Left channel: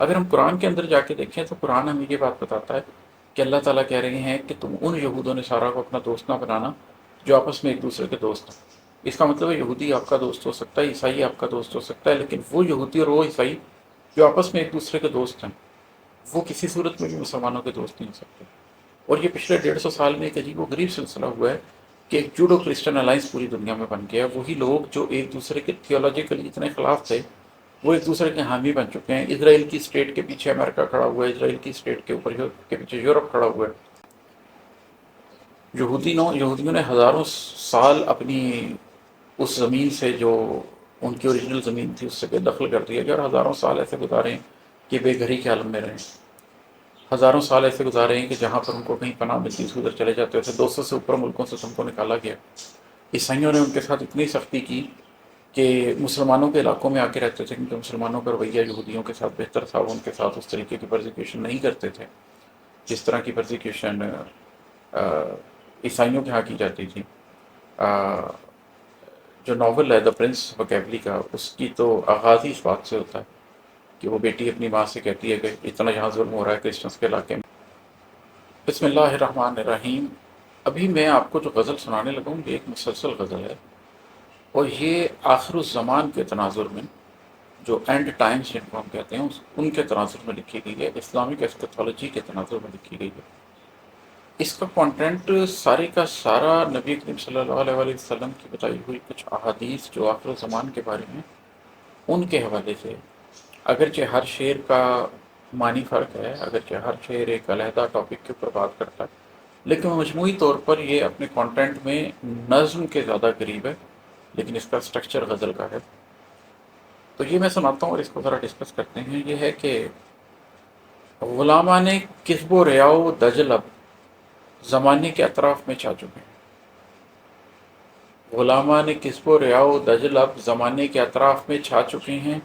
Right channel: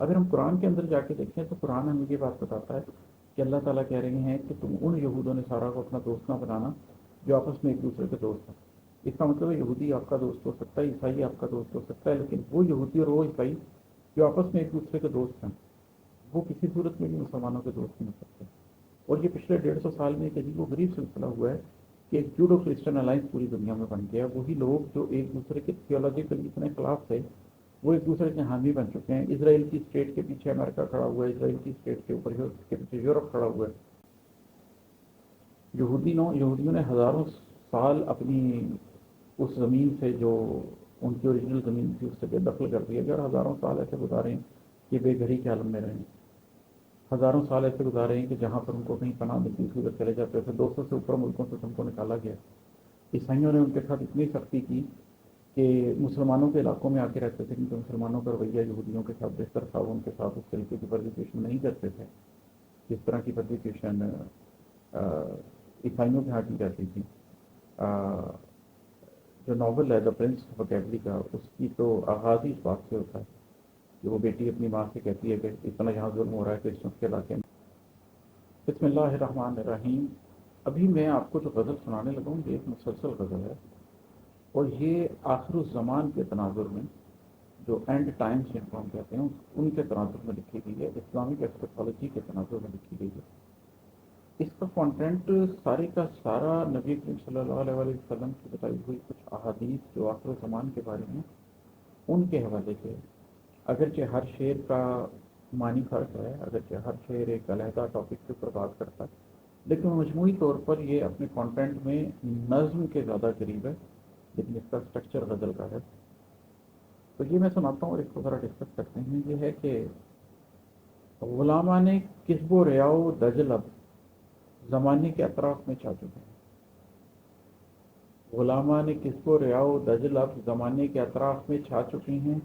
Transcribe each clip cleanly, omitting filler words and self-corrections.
اگر ہم قرآن کے اندر جا کے دیکھیں تو قرآن ہمیں یہ بات بتاتا ہے کہ اللہ تعالیٰ کہہ رہے ہیں کہ تم ان یہود و نصارہ کو اپنا دوست نہ بنانا جو آپس میں ایک دوسرے کے دوست ہیں۔ اس کا مطلب ہے یہودی آپ کا دوست ہو سکتا ہے، عیسائی آپ کا دوست ہو سکتا ہے، لیکن وہ یہودی اور وہ عیسائی جو آپس میں ایک دوسرے کے دوست ہیں وہ کسی صورت میں بھی مسلمانوں کے دوست نہیں ہو سکتے۔ اور یہ پچھلے 150 سال میں ایک عجیب و غریب سلسلہ ہوا ہے کہ ایک جوڈو کرسچن الائنس پوری دنیا میں بن گیا ہے۔ وہی لوگ جو ایک دوسرے کے تھیولوجیکلی اتنے خلاف تھے وہ ایک دوسرے کے حامی بن چکے ہیں۔ اسرائیل کی اسٹیٹ کے پیچھے امریکہ کھڑا ہوا ہے، اسرائیل کی اسٹیٹ کے اوپر کے پیچھے یورپ کھڑا ہوا ہے۔ یہودیوں نے ہزاروں سال اپنی اس زمین سے جو ان کی اوریجنل زمین تھی اس سے بے دخل کر دیا گیا، اور ہزاروں سال ایسے گزارے ہیں کہ بے گھری کے عالم میں رہیں۔ ہزاروں سال ایسے گزارے ہیں کہ جہاں پر ان کو کہیں پناہ ملتی تھی ادھر چلے جاتے تھے۔ 200 سے اوپر ملکوں سے تم کو نکالا گیا۔ عیسائیوں نے ان کے ساتھ اتنی سختی کی کہ مسلمانوں کے علاقوں میں آ کے رہتے تھے، کیونکہ مسلمانوں کا رویہ یہودیوں کے ساتھ بہتر تھا، وہ ان کے ساتھ اس طریقے کی پرزیکیوشن نہیں کرتے تھے جس طرح کی پرزیکیوشن عیسائیوں کے ہاں کی جاتی تھی۔ آ، جو ناول ہے دا پرنس وکیبلی کا، اس کی تو آغاز ہی اس بات سے ہوتا ہے کہ وہ بیٹی اپنی ماں سے کہتی ہے کہ اتنا یہاں ظلم ہو رہا ہے کرسچنس کے علاقے میں۔ بسم اللہ الرحمن الرحیم۔ ابھی میں آپ کو جو غزل سنانے لگا ہوں یہ ایک مسلسل غزل ہے، اور یہ آخر الزمان کے تناظر میں، جو اینڈ ٹائمز جن کو ہم کہتے ہیں ان کے تناظر میں لکھی گئی ہے، اسلامک ایسکیتالوجی کے تناظر میں لکھی گئی ہے۔ اس کا کانٹینٹ سارے کا سارا نبی کریم صلی اللہ علیہ وآلہ وسلم کی بتائی ہوئی کچھ احادیث جو آخر الزمان کے بارے میں ان کے حوالے سے، اگرچہ ہر شعر کا معنی فرق ہے، اگرچہ ہر شعر ایک علیحدہ ٹاپک کے اوپر بات کرتا ہے، لیکن مجموعی طور پر یہ اپنے کانٹینٹ میں نظم کے زیادہ قریب ہے، لیکن اس کا سٹرکچر غزل کا ہے۔ تو یہ میں سناتا ہوں اور اس کو ذرا ڈسکس کرتے ہیں۔ یہ ہے کہ غلامان کسب و ریاؤ دجل اب زمانے کے اطراف میں چھا چکے ہیں۔ غلامان کسب و ریاؤ دجل اب زمانے کے اطراف میں چھا چکے ہیں،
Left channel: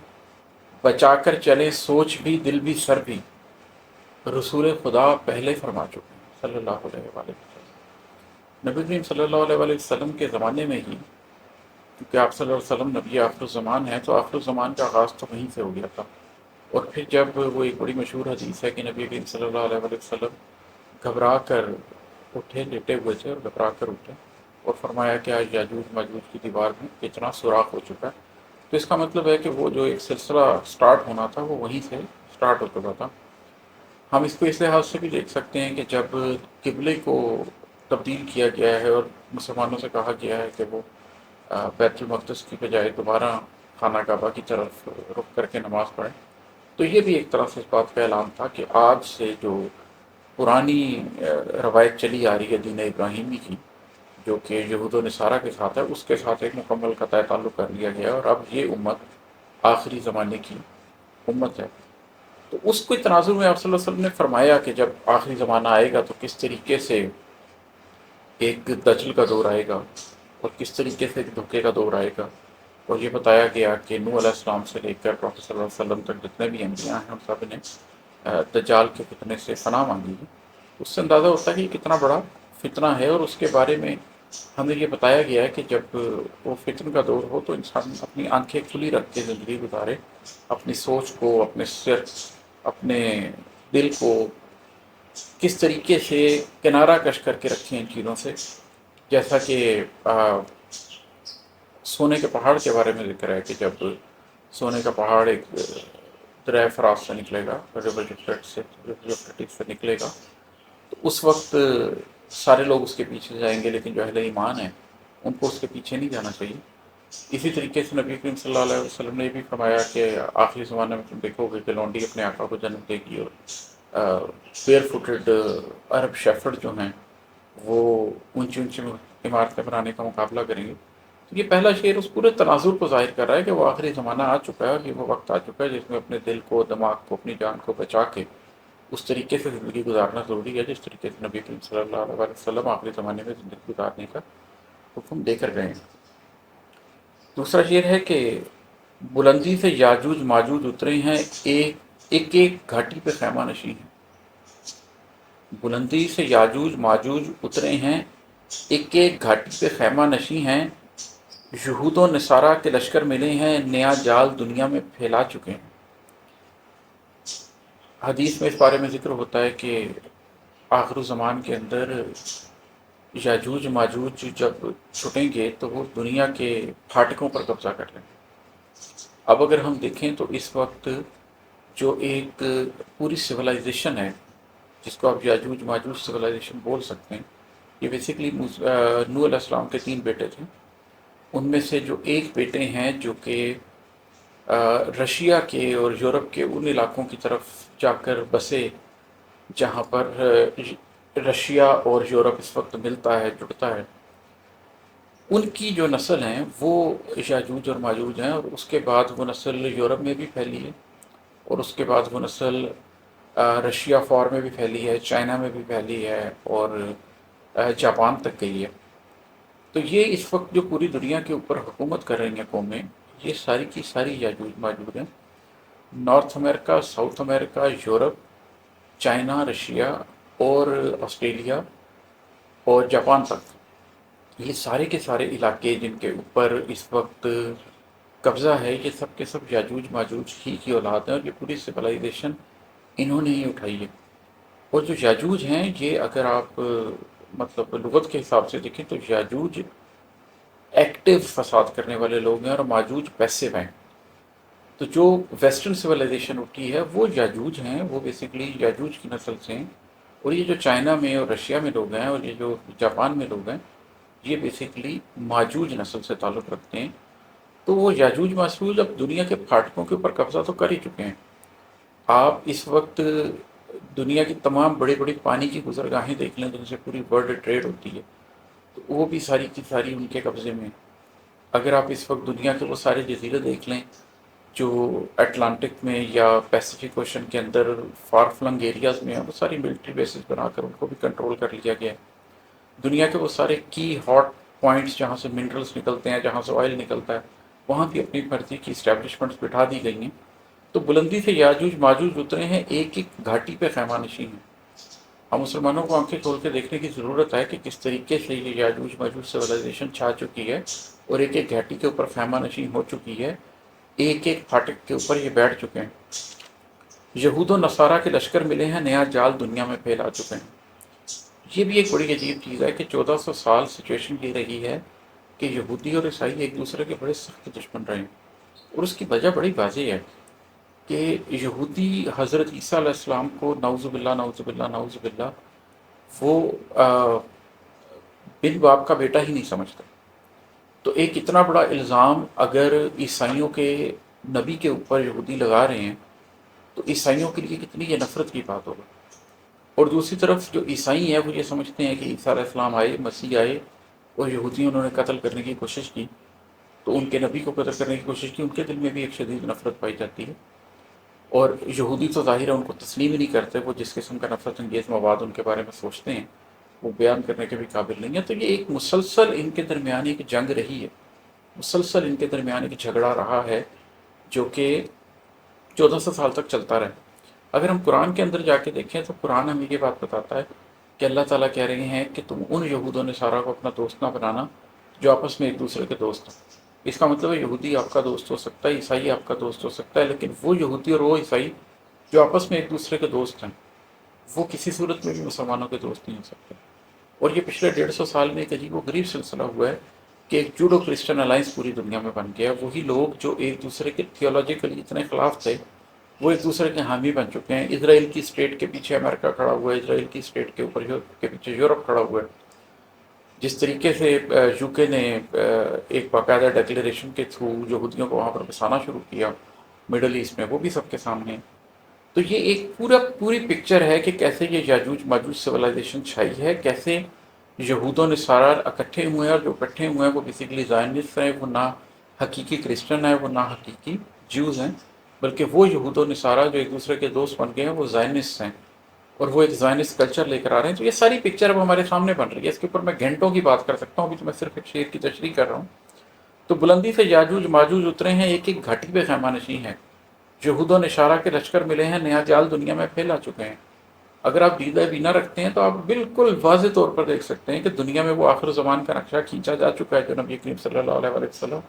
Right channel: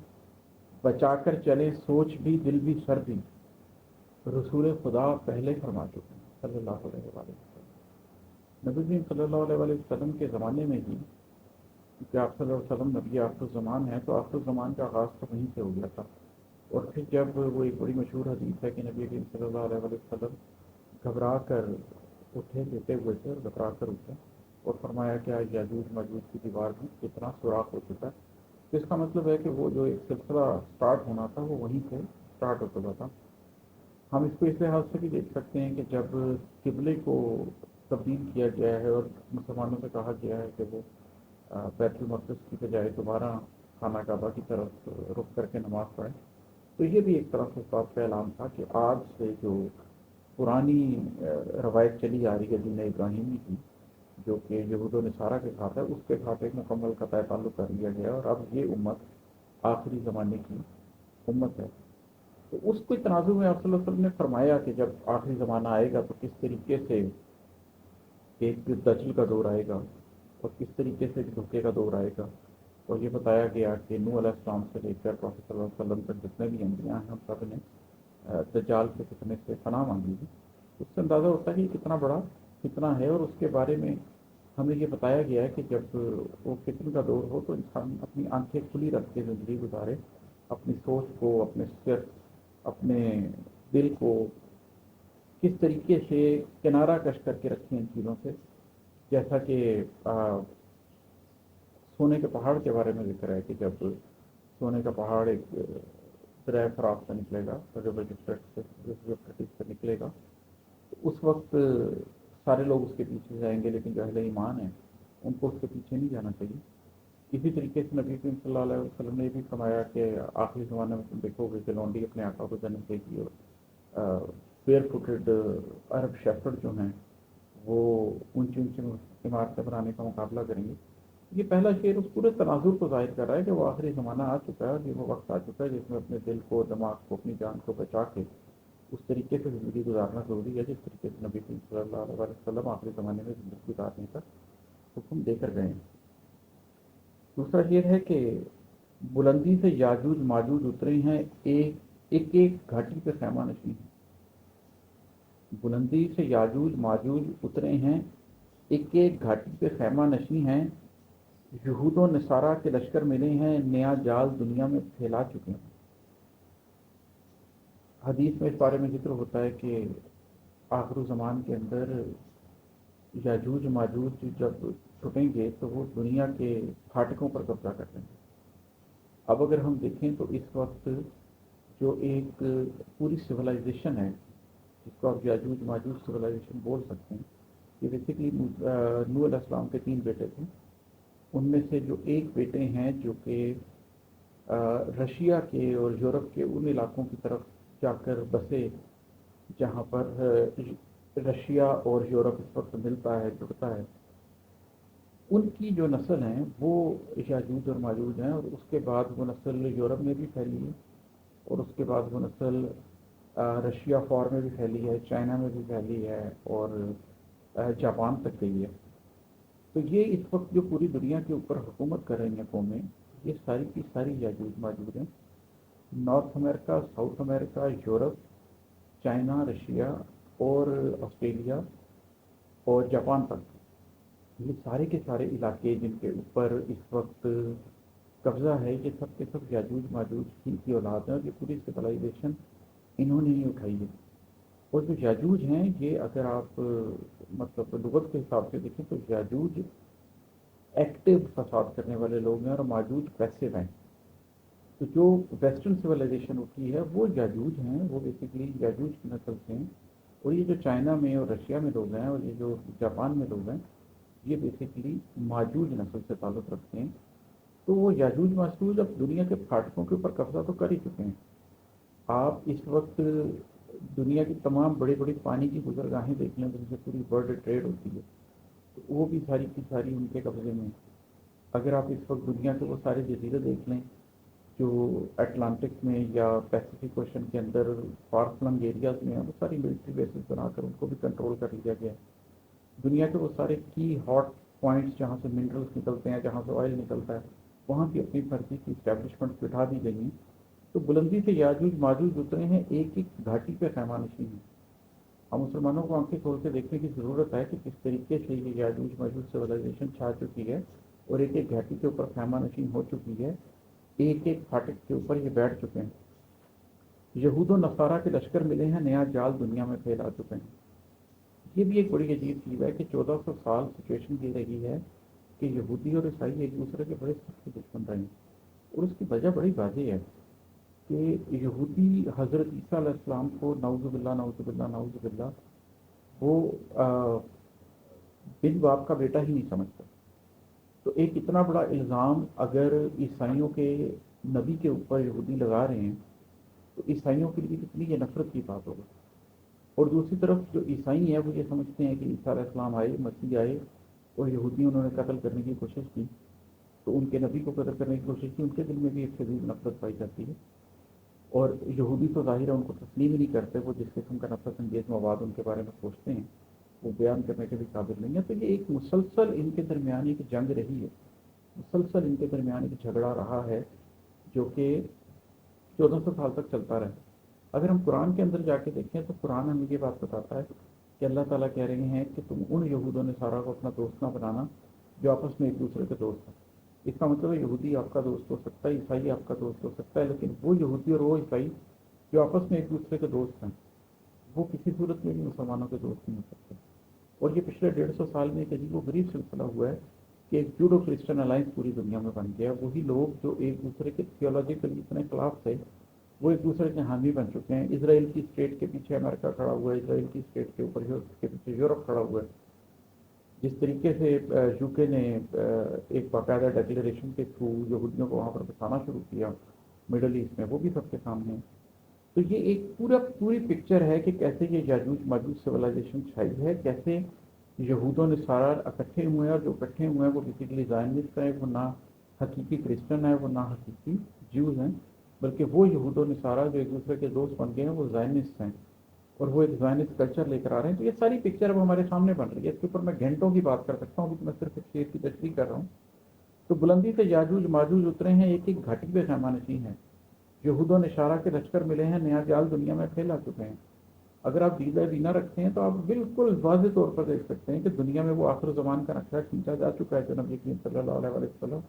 بچا کر چلے سوچ بھی دل بھی سر بھی، رسول خدا پہلے فرما چکے ہیں صلی اللہ علیہ وآلہ وسلم۔ نبی کریم صلی اللہ علیہ وآلہ وسلم کے زمانے میں ہی، کیونکہ آپ صلی اللہ علیہ وسلم نبی آخر الزمان ہے، تو آخر الزمان کا آغاز تو وہیں سے ہو گیا تھا۔ اور پھر جب وہ ایک بڑی مشہور حدیث ہے کہ نبی کریم صلی اللہ علیہ وآلہ وسلم گھبرا کر اٹھے، لیٹے ہوئے تھے اور گھبرا کر اٹھے اور فرمایا کہ آج یاجوج ماجوج کی دیوار میں اتنا سوراخ ہو چکا ہے۔ تو اس کا مطلب ہے کہ وہ جو ایک سلسلہ سٹارٹ ہونا تھا وہ وہیں سے سٹارٹ ہو چکا تھا۔ ہم اس کو اس لحاظ سے بھی دیکھ سکتے ہیں کہ جب قبلے کو تبدیل کیا گیا ہے اور مسلمانوں سے کہا گیا ہے کہ وہ بیت المقدس کی بجائے دوبارہ خانہ کعبہ کی طرف رخ کر کے نماز پڑھیں، تو یہ بھی ایک طرح سے اس بات کا اعلان تھا کہ آج سے جو پرانی روایت چلی آ رہی ہے دین ابراہیمی کی، جو کہ یہود و نصارہ کے ساتھ ہے، اس کے ساتھ ایک مکمل قطع تعلق کر لیا گیا ہے، اور اب یہ امت آخری زمانے کی امت ہے۔ تو اس کو تناظر میں آپ صلی اللہ علیہ وسلم نے فرمایا کہ جب آخری زمانہ آئے گا تو کس طریقے سے ایک دجل کا دور آئے گا اور کس طریقے سے ایک دھوکے کا دور آئے گا۔ اور یہ بتایا گیا کہ نوح علیہ السلام سے لے کر پروفیٹ صلی اللہ علیہ وسلم تک جتنے بھی انبیاء ہیں ان سب نے دجال کے فتنے سے پناہ مانگی ہے۔ اس سے اندازہ ہوتا ہے کہ یہ کتنا بڑا فتنہ ہے، اور اس کے بارے میں ہمیں یہ بتایا گیا ہے کہ جب وہ فتن کا دور ہو تو انسان اپنی آنکھیں کھلی رکھ کے زندگی گزارے، اپنی سوچ کو، اپنے سر، اپنے دل کو کس طریقے سے کنارہ کش کر کے رکھیں ان چیزوں سے، جیسا کہ سونے کے پہاڑ کے بارے میں ذکر ہے کہ جب سونے کا پہاڑ ایک دریا فرات سے نکلے گا، ریور یوفریٹس سے نکلے گا، تو اس وقت سارے لوگ اس کے پیچھے جائیں گے، لیکن جو اہل ایمان ہیں ان کو اس کے پیچھے نہیں جانا چاہیے۔ اسی طریقے سے نبی کریم صلی اللہ علیہ وسلم نے بھی فرمایا کہ آخری زمانے میں تم دیکھو گے کہ لونڈی اپنے آقا کو جنم دے گی، اور بیئر فوٹڈ عرب شیفرڈ جو ہیں وہ اونچی اونچی عمارتیں بنانے کا مقابلہ کریں گے۔ تو یہ پہلا شعر اس پورے تناظر کو ظاہر کر رہا ہے کہ وہ آخری زمانہ آ چکا ہے، اور یہ وہ وقت آ چکا ہے جس میں اپنے دل کو، دماغ کو، اپنی جان کو بچا کے اس طریقے سے زندگی گزارنا ضروری ہے جس طریقے سے نبی کریم صلی اللہ علیہ وسلم آخری زمانے میں زندگی گزارنے کا حکم دے کر گئے ہیں۔ دوسرا شعر ہے کہ بلندی سے یاجوج ماجوج اترے ہیں، ایک ایک گھاٹی پہ خیمہ نشیں ہیں۔ بلندی سے یاجوج ماجوج اترے ہیں، ایک ایک گھاٹی پہ خیمہ نشیں ہیں، یہود و نصارہ کے لشکر ملے ہیں، نیا جال دنیا میں پھیلا چکے ہیں۔ حدیث میں اس بارے میں ذکر ہوتا ہے کہ آخر الزمان کے اندر یاجوج ماجوج جب چھٹیں گے تو وہ دنیا کے پھاٹکوں پر قبضہ کر لیں گے۔ اب اگر ہم دیکھیں تو اس وقت جو ایک پوری سویلائزیشن ہے، جس کو آپ یاجوج ماجوج سویلائزیشن بول سکتے ہیں، یہ بیسیکلی نوح علیہ السلام کے 3 بیٹے تھے۔ ان میں سے جو ایک بیٹے ہیں جو کہ رشیا کے اور یورپ کے ان علاقوں کی طرف جا کر بسے جہاں پر رشیا اور یورپ اس وقت ملتا ہے، جڑتا ہے، ان کی جو نسل ہیں وہ یاجوج اور ماجوج ہیں، اور اس کے بعد وہ نسل یورپ میں بھی پھیلی ہے، اور اس کے بعد وہ نسل رشیا فار میں بھی پھیلی ہے، چائنا میں بھی پھیلی ہے، اور جاپان تک گئی ہے۔ تو یہ اس وقت جو پوری دنیا کے اوپر حکومت کر رہی ہیں قومیں، یہ ساری کی ساری یاجوج ماجوج ہیں۔ نارتھ امریکہ، ساؤتھ امریکہ، یورپ، چائنا، رشیا اور آسٹریلیا اور جاپان تک، یہ سارے کے سارے علاقے جن کے اوپر اس وقت قبضہ ہے، یہ سب کے سب یاجوج ماجوج ہی کی اولاد ہیں، اور یہ پوری سویلائزیشن انہوں نے ہی اٹھائی ہے۔ اور جو یاجوج ہیں، یہ اگر آپ مطلب لغت کے حساب سے دیکھیں تو یاجوج ایکٹیو فساد کرنے والے لوگ ہیں، اور ماجوج پیسو ہیں۔ تو جو ویسٹرن سویلائزیشن اٹھی ہے وہ یاجوج ہیں، وہ بیسیکلی یاجوج کی نسل سے ہیں۔ اور یہ جو چائنا میں اور رشیا میں لوگ ہیں، اور یہ جو جاپان میں لوگ ہیں، یہ بیسیکلی ماجوج نسل سے تعلق رکھتے ہیں۔ تو وہ یاجوج ماجوج اب دنیا کے پھاٹکوں کے اوپر قبضہ تو کر ہی چکے ہیں۔ آپ اس وقت دنیا کی تمام بڑی بڑی پانی کی گزرگاہیں دیکھ لیں جن سے پوری ورلڈ ٹریڈ ہوتی ہے، تو وہ بھی ساری کی ساری ان کے قبضے میں ہیں۔ اگر آپ اس وقت دنیا کے وہ سارے جزیرے دیکھ لیں جو اٹلانٹک میں یا پیسیفک اوشن کے اندر فار فلنگ ایریاز میں ہیں، وہ ساری ملٹری بیسز بنا کر ان کو بھی کنٹرول کر لیا گیا ہے۔ دنیا کے وہ سارے کی ہاٹ پوائنٹس جہاں سے منرلز نکلتے ہیں، جہاں سے آئل نکلتا ہے، وہاں بھی اپنی مرضی کی اسٹیبلشمنٹس بٹھا دی گئی ہیں۔ تو بلندی سے یاجوج ماجوج اترے ہیں، ایک ایک گھاٹی پہ خیمہ نشین ہیں۔ ہم مسلمانوں کو آنکھیں کھول کے دیکھنے کی ضرورت ہے کہ کس طریقے سے یہ یاجوج ماجوج سویلائزیشن چھا چکی ہے، اور ایک ایک گھاٹی کے اوپر خیمہ نشین ہو چکی ہے، ایک ایک پھاٹک کے اوپر یہ بیٹھ چکے ہیں۔ یہود و نصارہ کے لشکر ملے ہیں، نیا جال دنیا میں پھیلا چکے ہیں۔ یہ بھی ایک بڑی عجیب چیز ہے کہ 1400 سال سچویشن یہ رہی ہے کہ یہودی اور عیسائی ایک دوسرے کے بڑے سخت دشمن رہے ہیں، اور اس کی وجہ بڑی واضح ہے کہ یہودی حضرت عیسیٰ علیہ السلام کو نعوذ باللہ نعوذ باللہ نعوذ باللہ وہ بن باپ کا بیٹا ہی نہیں سمجھتا۔ تو ایک اتنا بڑا الزام اگر عیسائیوں کے نبی کے اوپر یہودی لگا رہے ہیں تو عیسائیوں کے لیے کتنی یہ نفرت کی بات ہوگی۔ اور دوسری طرف جو عیسائی ہیں وہ یہ سمجھتے ہیں کہ عیسیٰ علیہ السلام آئے، مسیح آئے، اور یہودیوں انہوں نے قتل کرنے کی کوشش کی، تو ان کے نبی کو قتل کرنے کی کوشش کی، ان کے دل میں بھی ایک شدید نفرت پائی جاتی ہے۔ اور یہودی تو ظاہر ہے ان کو تسلیم ہی نہیں کرتے، وہ جس قسم کا نفرت انگیز مواد ان کے بارے میں سوچتے ہیں وہ بیان کرنے کے بھی قابل نہیں ہے۔ تو یہ ایک مسلسل ان کے درمیان ایک جنگ رہی ہے، مسلسل ان کے درمیان ایک جھگڑا رہا ہے جو کہ 1400 سال تک چلتا رہا۔ اگر ہم قرآن کے اندر جا کے دیکھیں تو قرآن ہمیں یہ بات بتاتا ہے کہ اللہ تعالیٰ کہہ رہے ہیں کہ تم ان یہود و نصارہ کو اپنا دوست نہ بنانا جو آپس میں ایک دوسرے کے دوست ہیں۔ اس کا مطلب ہے یہودی آپ کا دوست ہو سکتا ہے، عیسائی آپ کا دوست ہو سکتا ہے، لیکن وہ یہودی اور وہ عیسائی جو آپس میں ایک دوسرے کے دوست ہیں، وہ کسی صورت میں بھی مسلمانوں کے دوست نہیں ہو سکتے۔ اور یہ پچھلے 150 سال میں ایک عجیب و غریب سلسلہ ہوا ہے کہ ایک جوڈو کرسچن الائنس پوری دنیا میں بن گیا۔ وہی لوگ جو ایک دوسرے کے تھیولوجیکلی اتنے خلاف تھے وہ ایک دوسرے کے حامی بن چکے ہیں۔ اسرائیل کی اسٹیٹ کے پیچھے امریکہ کھڑا ہوا ہے، اسرائیل کی اسٹیٹ کے اوپر کے پیچھے یورپ کھڑا ہوا ہے۔ جس طریقے سے یو کے نے ایک باقاعدہ ڈیکلیریشن کے تھرو یہودیوں کو وہاں پر بسانا شروع کیا مڈل ایسٹ میں، وہ بھی سب کے سامنے ہے۔ تو یہ ایک پوری پکچر ہے کہ کیسے یہ یاجوج ماجوج سویلائزیشن چھائی ہے، کیسے یہود و نصارہ اکٹھے ہوئے ہیں، اور جو اکٹھے ہوئے ہیں وہ بیسیکلی زائنسٹ ہیں، وہ نہ حقیقی کرسچن ہیں، وہ نہ حقیقی جیوز ہیں، بلکہ وہ یہود و نصارہ جو ایک دوسرے کے دوست بن گئے ہیں وہ زائنسٹ ہیں، اور وہ ایک زائنسٹ کلچر لے کر آ رہے ہیں۔ تو یہ ساری پکچر اب ہمارے سامنے بن رہی ہے، اس کے اوپر میں گھنٹوں کی بات کر سکتا ہوں، ابھی تو میں صرف ایک شعر کی تشریح کر رہا ہوں۔ تو بلندی سے یاجوج ماجوج اترے ہیں، ایک ایک گھاٹی پہ خیمہ نشین ہے، یہود و نصارہ کے لشکر ملے ہیں، نیا جال دنیا میں پھیلا چکے ہیں۔ اگر آپ دیدہ بینا رکھتے ہیں تو آپ بالکل واضح طور پر دیکھ سکتے ہیں کہ دنیا میں وہ آخر زمان کا نقشہ کھینچا جا چکا ہے جو نبی کریم صلی اللہ علیہ وسلم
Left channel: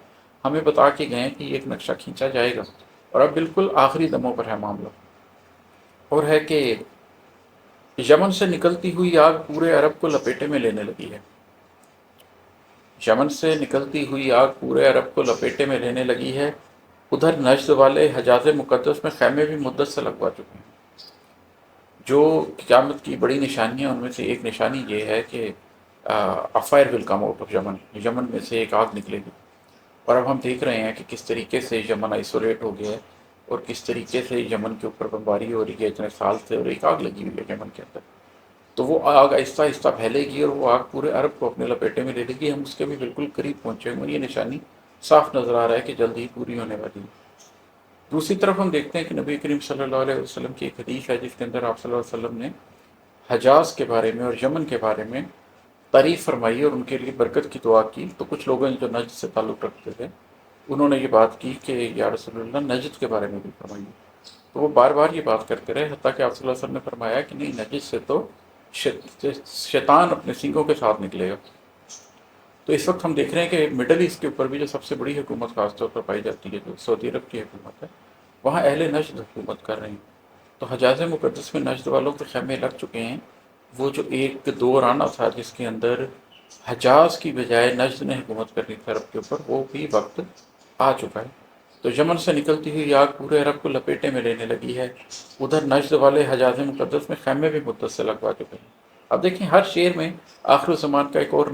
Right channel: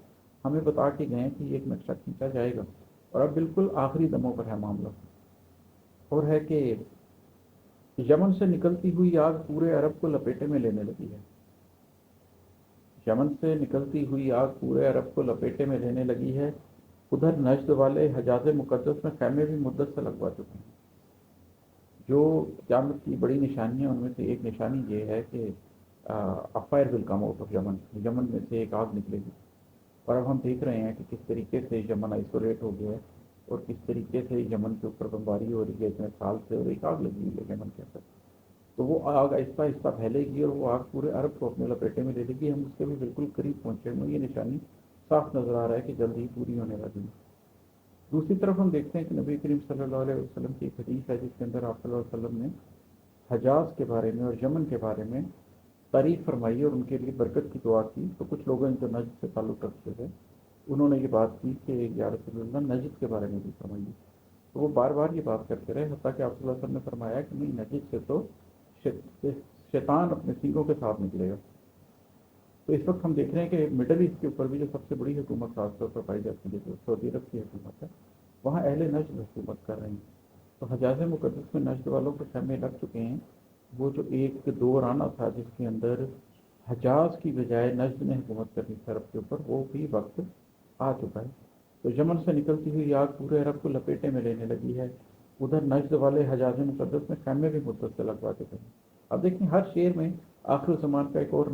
ہمیں بتا کے گئے ہیں کہ یہ ایک نقشہ کھینچا جائے گا، اور اب بالکل آخری دموں پر ہے معاملہ۔ اور ہے کہ یمن سے نکلتی ہوئی آگ پورے عرب کو لپیٹے میں لینے لگی ہے۔ یمن سے نکلتی ہوئی آگ پورے عرب کو لپیٹے میں لینے لگی ہے۔ ادھر نجد والے حجاز مقدس میں خیمے بھی مدت سے لگوا چکے ہیں۔ جو قیامت کی بڑی نشانیاں ان میں سے ایک نشانی یہ ہے کہ افائر ول کم آؤٹ آف یمن، یمن میں سے ایک آگ نکلے گی۔ اور اب ہم دیکھ رہے ہیں کہ کس طریقے سے یمن آئسولیٹ ہو گیا ہے اور کس طریقے سے یمن کے اوپر بمباری ہو رہی ہے اتنے سال سے، اور ایک آگ لگی ہوئی ہے یمن کے اندر۔ تو وہ آگ آہستہ آہستہ پھیلے گی اور وہ آگ پورے عرب کو اپنے لپیٹے میں لے لے گی۔ ہم اس کے بھی بالکل قریب پہنچے ہوئے ہیں، یہ نشانی صاف نظر آ رہا ہے کہ جلد ہی پوری ہونے والی ہے۔ دوسری طرف ہم دیکھتے ہیں کہ نبی کریم صلی اللہ علیہ وسلم کی ایک حدیث ہے جس کے اندر آپ صلی اللہ علیہ وسلم نے حجاز کے بارے میں اور یمن کے بارے میں تعریف فرمائی اور ان کے لیے برکت کی دعا کی۔ تو کچھ لوگوں نے جو نجد سے تعلق رکھتے تھے انہوں نے یہ بات کی کہ یا رسول اللہ نجد کے بارے میں بھی فرمائیے۔ تو وہ بار بار یہ بات کرتے رہے حتیٰ کہ آپ صلی اللہ علیہ وسلم نے فرمایا کہ نہیں، نجد سے تو شیطان اپنے سینگوں کے ساتھ نکلے گا۔ تو اس وقت ہم دیکھ رہے ہیں کہ مڈل ایسٹ کے اوپر بھی جو سب سے بڑی حکومت خاص طور پر پائی جاتی ہے جو سعودی عرب کی حکومت ہے، وہاں اہل نجد حکومت کر رہے ہیں۔ تو حجاز مقدس میں نجد والوں کے خیمے لگ چکے ہیں۔ وہ جو ایک دور آنا تھا جس کے اندر حجاز کی بجائے نجد نے حکومت کرنی تھی عرب کے اوپر، وہ بھی وقت آ چکا ہے۔ تو یمن سے نکلتی ہوئی آگ پورے عرب کو لپیٹے میں لینے لگی ہے۔ ادھر نجد والے حجاز مقدس میں خیمے بھی مدت سے لگوا چکے ہیں۔ اب دیکھیں ہر شعر میں آخر الزمان کا ایک اور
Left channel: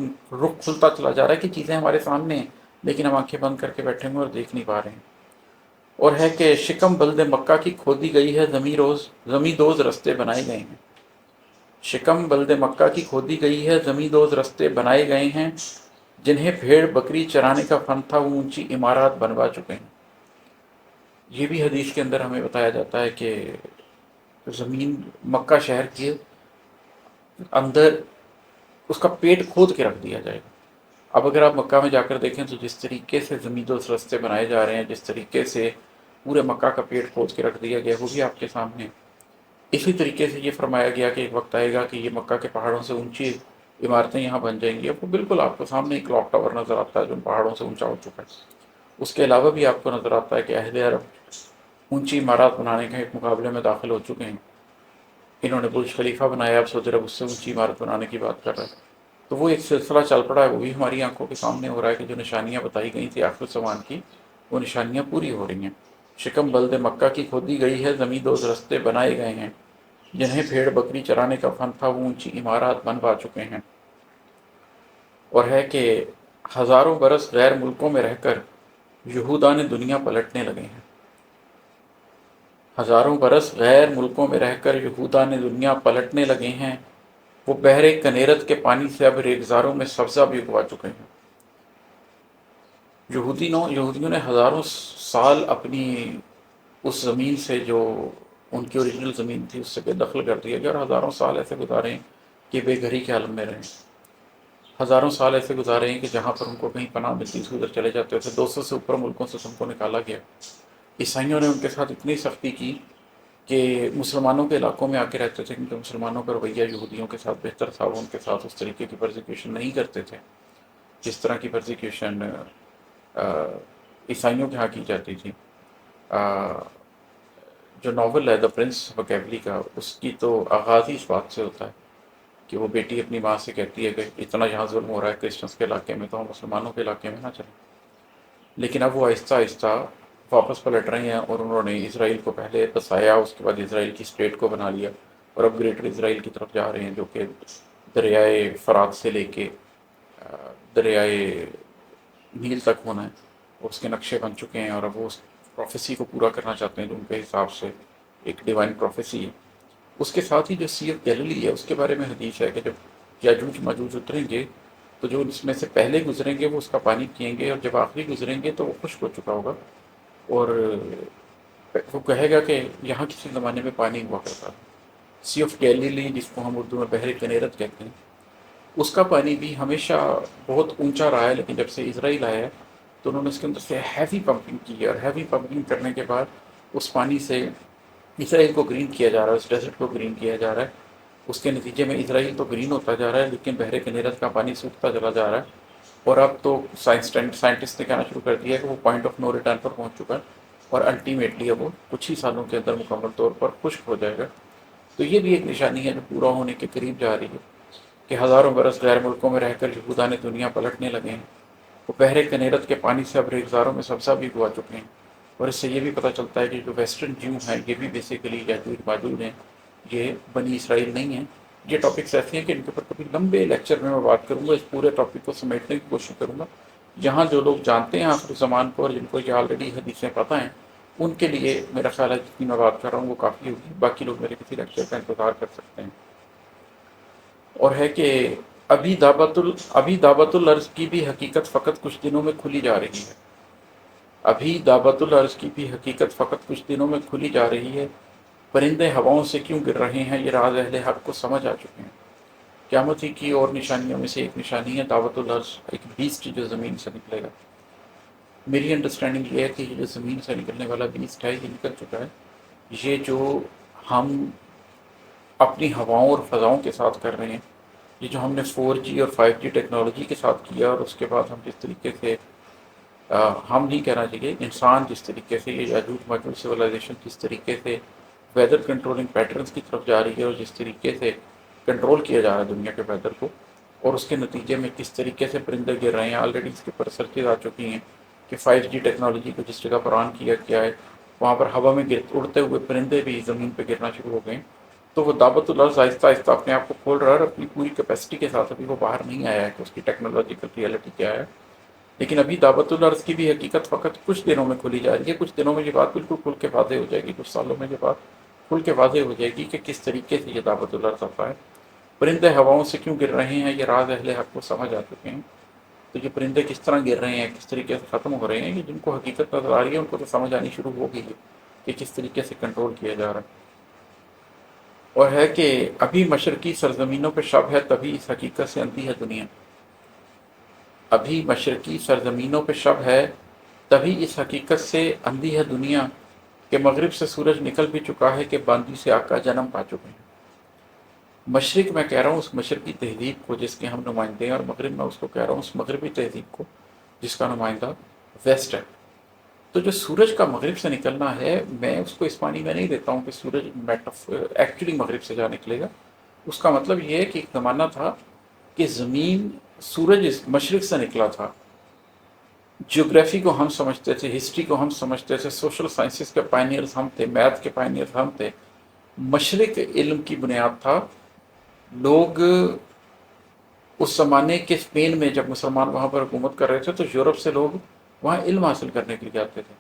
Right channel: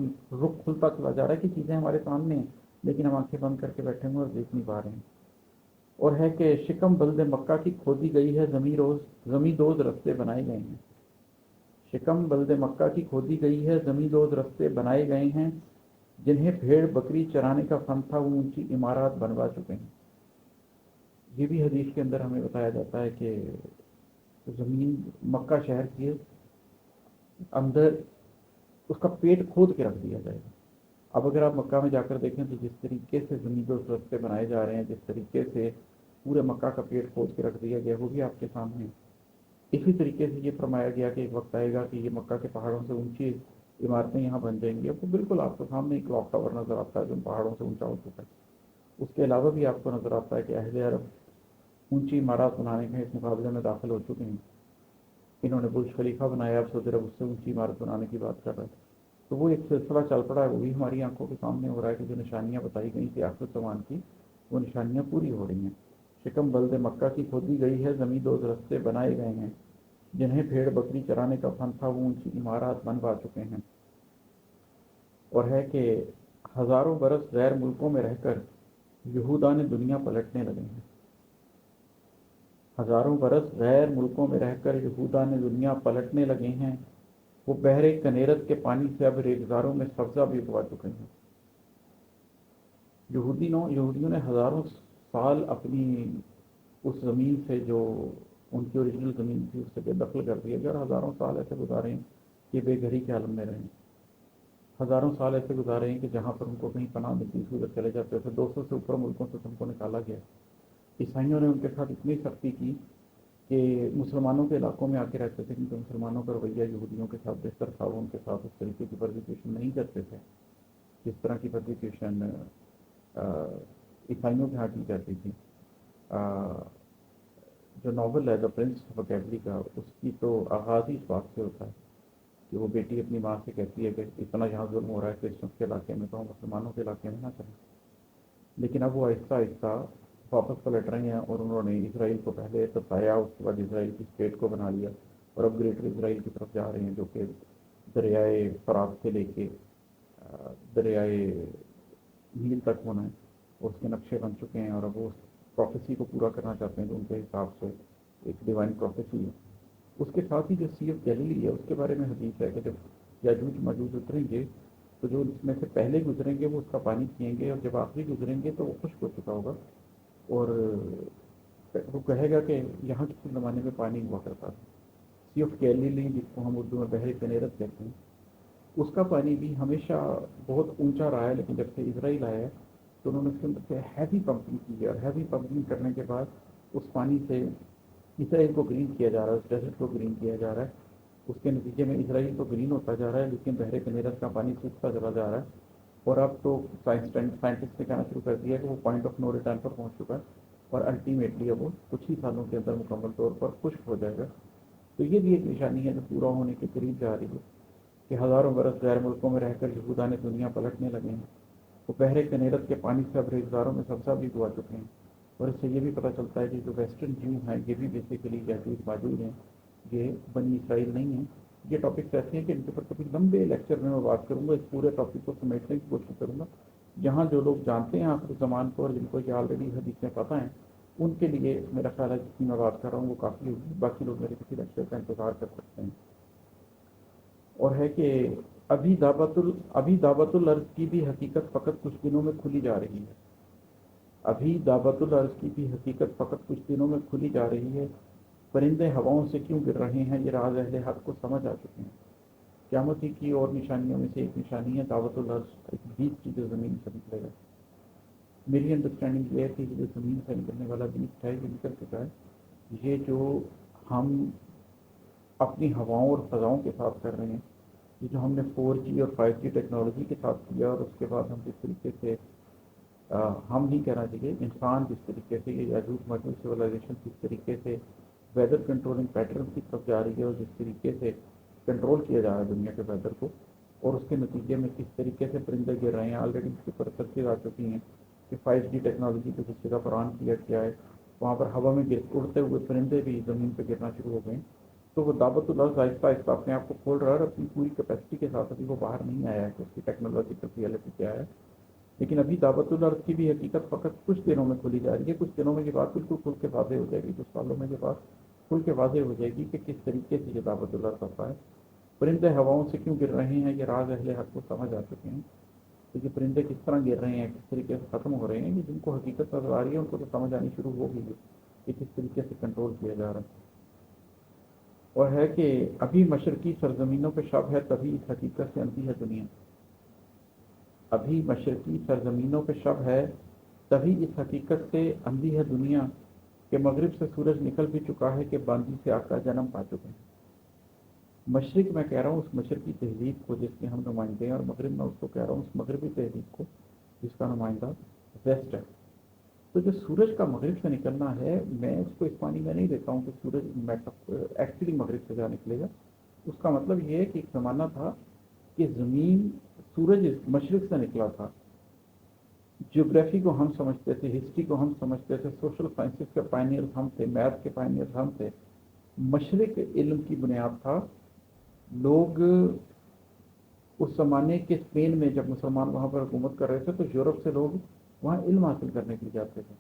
رخ کھلتا چلا جا رہا ہے کہ چیزیں ہمارے سامنے ہیں لیکن ہم آنکھیں بند کر کے بیٹھے ہوئے اور دیکھ نہیں پا رہے ہیں۔ اور ہے کہ شکم بلد مکہ کی کھودی گئی ہے، زمیں دوز رستے بنائے گئے ہیں۔ شکم بلد مکہ کی کھودی گئی ہے، زمیں دوز رستے بنائے گئے ہیں، جنہیں بھیڑ بکری چرانے کا فن تھا وہ اونچی عمارات بنوا چکے ہیں۔ یہ بھی حدیث کے اندر ہمیں بتایا جاتا ہے کہ زمین مکہ شہر کے اندر اس کا پیٹ کھود کے رکھ دیا جائے گا۔ اب اگر آپ مکہ میں جا کر دیکھیں تو جس طریقے سے زمین دوز رستے بنائے جا رہے ہیں، جس طریقے سے پورے مکہ کا پیٹ کھود کے رکھ دیا گیا، وہ بھی آپ کے سامنے ہے۔ اسی طریقے سے یہ فرمایا گیا کہ ایک وقت آئے گا کہ یہ مکہ کے پہاڑوں سے اونچی عمارتیں یہاں بن جائیں گی۔ اب وہ بالکل آپ کو سامنے ایک کلاک ٹاور نظر آتا ہے جو پہاڑوں سے اونچا ہو چکا ہے۔ اس کے علاوہ بھی آپ کو نظر آتا ہے کہ اہل عرب اونچی عمارات بنانے کے ایک مقابلے میں داخل ہو چکے ہیں۔ انہوں نے برج خلیفہ بنایا، اب سعودی عرب اس سے اونچی عمارت بنانے کی بات کر رہا ہے۔ تو وہ ایک سلسلہ چل پڑا ہے، وہ بھی ہماری آنکھوں کے سامنے ہو رہا ہے کہ جو نشانیاں بتائی گئی تھیں آخر الزمان کی، وہ نشانیاں پوری ہو رہی ہیں۔ شکم بلد مکہ کی کھودی گئی ہے، زمیں دوز رستے بنائے گئے ہیں، جنہیں بھیڑ بکری چرانے کا فن تھا وہ اونچی عمارات بنوا چکے ہیں۔ اور ہے کہ ہزاروں برس غیر ملکوں میں رہ کر یہودان دنیا پلٹنے لگے ہیں۔ ہزاروں برس غیر ملکوں میں رہ کر یہودان دنیا پلٹنے لگے ہیں، وہ بحر کنیرت کے پانی سے اب ریگزاروں میں سبزہ بھی اگوا چکے ہیں۔ یہودیوں نے ہزاروں سال اپنی اس زمین سے جو ان کی اوریجنل زمین تھی اس سے بے دخل کر دیا گیا، اور ہزاروں سال ایسے گزارے ہیں کہ بے گھری کے عالم میں رہیں۔ ہزاروں سال ایسے گزارے ہیں کہ جہاں پر ان کو کہیں پناہ ملتی تھی ادھر چلے جاتے تھے۔ 200 سے اوپر ملکوں سے ان کو نکالا گیا۔ عیسائیوں نے ان کے ساتھ اتنی سختی کی کہ مسلمانوں کے علاقوں میں آ کے رہتے تھے، کیونکہ مسلمانوں کا رویہ یہودیوں کے ساتھ بہتر تھا، وہ ان کے ساتھ اس طریقے کی پرزیکیوشن نہیں کرتے تھے جس طرح کی پرزیکیوشن عیسائیوں کے ہاں کی جاتی تھی۔ جو ناول ہے دا پرنس بکیولی کا، اس کی تو آغاز ہی اس بات سے ہوتا ہے کہ وہ بیٹی اپنی ماں سے کہتی ہے کہ اتنا یہاں ظلم ہو رہا ہے کرسچنس کے علاقے میں تو ہم مسلمانوں کے علاقے میں نہ چلیں۔ لیکن اب وہ آہستہ آہستہ واپس پلٹ رہے ہیں اور انہوں نے اسرائیل کو پہلے بسایا، اس کے بعد اسرائیل کی اسٹیٹ کو بنا لیا اور اب گریٹر اسرائیل کی طرف جا رہے ہیں، جو کہ دریائے فرات سے لے کے دریائے نیل تک ہونا ہے، اس کے نقشے بن چکے ہیں، اور اب وہ اس پروفیسی کو پورا کرنا چاہتے ہیں جو ان کے حساب سے ایک ڈیوائن پروفیسی ہے۔ اس کے ساتھ ہی جو سی آف گیلیلی ہے اس کے بارے میں حدیث ہے کہ جب یاجوج ماجوج اتریں گے تو جو اس میں سے پہلے گزریں گے وہ اس کا پانی پئیں گے، اور جب آخری گزریں گے تو وہ خشک ہو چکا ہوگا، اور وہ کہے گا کہ یہاں کسی زمانے میں پانی ہوا کرتا تھا۔ سی آف گیلیلی جس کو ہم اردو میں بحر کنیرت کہتے ہیں، اس کا پانی بھی ہمیشہ بہت اونچا رہا ہے، لیکن جب سے اسرائیل آیا ہے تو انہوں نے اس کے اندر سے ہیوی پمپنگ کی ہے، اور ہیوی پمپنگ کرنے کے بعد اس پانی سے اسرائیل کو گرین کیا جا رہا ہے، اس ڈیزرٹ کو گرین کیا جا رہا ہے۔ اس کے نتیجے میں اسرائیل تو گرین ہوتا جا رہا ہے لیکن بحر کنیرت کا پانی سوکھتا چلا جا رہا ہے، اور اب تو سائنٹسٹ نے کہنا شروع کر دیا ہے کہ وہ پوائنٹ آف نو ریٹرن پر پہنچ چکا ہے، اور الٹیمیٹلی اب وہ کچھ ہی سالوں کے اندر مکمل طور پر خشک ہو جائے گا۔ تو یہ بھی ایک نشانی ہے جو پورا ہونے کے قریب جا رہی ہے کہ ہزاروں برس غیر ملکوں میں رہ کر یہودان دنیا پلٹنے لگے ہیں. وہ بحر کنیرت کے پانی سے اب ریگزاروں میں سبزہ بھی اگوا چکے ہیں. اور اس سے یہ بھی پتہ چلتا ہے کہ جو ویسٹرن جیو ہیں یہ بھی بیسیکلی یاجوج ماجوج ہیں، یہ بنی اسرائیل نہیں ہیں. یہ ٹاپکس ایسے ہیں کہ ان کے اوپر کبھی لمبے لیکچر میں بات کروں گا، اس پورے ٹاپک کو سمیٹنے کی کوشش کروں گا. یہاں جو لوگ جانتے ہیں آخر زمان کو اور جن کو یہ آلریڈی حدیثیں پتہ ہیں، ان کے لیے میرا خیال ہے جتنی میں بات کر رہا ہوں وہ کافی ہوگی. باقی لوگ میرے کسی لیکچر کا انتظار کر سکتے ہیں. اور ہے کہ ابھی دعوت الارض کی بھی حقیقت فقط کچھ دنوں میں کھلی جا رہی ہے. ابھی دعوت الارض کی بھی حقیقت فقط کچھ دنوں میں کھلی جا رہی ہے. پرندے ہواؤں سے کیوں گر رہے ہیں، یہ راز اہل حق کو سمجھ آ چکے ہیں. قیامت ہی کی اور نشانیوں میں سے ایک نشانی ہے دعوت الارض، ایک بیسٹ جو زمین سے نکلے گا. میری انڈرسٹینڈنگ یہ ہے کہ یہ جو زمین سے نکلنے والا بیسٹ ہے یہ نکل چکا ہے. یہ جو ہم اپنی ہواؤں اور فضاؤں کے ساتھ کر رہے ہیں، یہ جو ہم نے 4G اور 5G ٹیکنالوجی کے ساتھ کیا، اور اس کے بعد ہم جس طریقے سے ہم نہیں کہنا چاہیے، انسان جس طریقے سے، یہ یاجوج ماجوج سویلائزیشن جس طریقے سے ویدر کنٹرولنگ پیٹرنز کی طرف جا رہی ہے، اور جس طریقے سے کنٹرول کیا جا رہا ہے دنیا کے ویدر کو، اور اس کے نتیجے میں کس طریقے سے پرندے گر رہے ہیں. آلریڈی اس کے اوپر ریسرچز آ چکی ہیں کہ 5G ٹیکنالوجی کو جس جگہ پر آن کیا گیا ہے وہاں پر ہوا میں اڑتے ہوئے پرندے بھی زمین پہ گرنا شروع ہو گئے ہیں. تو وہ دعوت الارض آہستہ آہستہ اپنے آپ کو کھول رہا ہے، اور اپنی پوری کیپیسٹی کے ساتھ ابھی وہ باہر نہیں آیا ہے کہ اس کی ٹیکنالوجیکل ریئلٹی کیا ہے. لیکن ابھی دعوت الارض کی بھی حقیقت فقط کچھ دنوں میں کھلی جا رہی ہے. کچھ دنوں میں یہ بات بالکل کھل کے واضح ہو جائے گی، کچھ سالوں میں یہ بات کھل کے واضح ہو جائے گی کہ کس طریقے سے یہ دعوت الارض آتا ہے. پرندے ہواؤں سے کیوں گر رہے ہیں، یہ راز اہل حق کو سمجھ آ چکے ہیں. تو یہ پرندے کس طرح گر رہے ہیں، کس طریقے سے ختم ہو رہے ہیں، یہ جن کو حقیقت نظر آ رہی ہے ان کو تو سمجھ آنی شروع ہو گئی ہے کہ کس طریقے سے کنٹرول کیا جا رہا ہے. اور ہے کہ ابھی مشرقی سرزمینوں پہ شب ہے، تبھی اس حقیقت سے اندھی ہے دنیا. ابھی مشرقی سرزمینوں پہ شب ہے، تبھی اس حقیقت سے اندھی ہے دنیا کہ مغرب سے سورج نکل بھی چکا ہے، کہ باندی سے آقا جنم پا چکے ہیں. مشرق میں کہہ رہا ہوں اس مشرقی تہذیب کو جس کے ہم نمائندے ہیں، اور مغرب میں اس کو کہہ رہا ہوں اس مغربی تہذیب کو جس کا نمائندہ ویسٹ ہے. تو جو سورج کا مغرب سے نکلنا ہے، میں اس کو اس معنی میں نہیں دیتا ہوں کہ سورج ایکچولی مغرب سے جا نکلے گا. اس کا مطلب یہ ہے کہ ایک زمانہ تھا کہ زمین، سورج مشرق سے نکلا تھا. جیوگرافی کو ہم سمجھتے تھے، ہسٹری کو ہم سمجھتے تھے، سوشل سائنسز کے پائنیئرز ہم تھے، میتھ کے پائنیئرز ہم تھے. مشرق علم کی بنیاد تھا. لوگ اس زمانے کے اسپین میں جب مسلمان وہاں پر حکومت کر رہے تھے تو یورپ سے لوگ وہاں علم حاصل کرنے کے لیے جاتے تھے.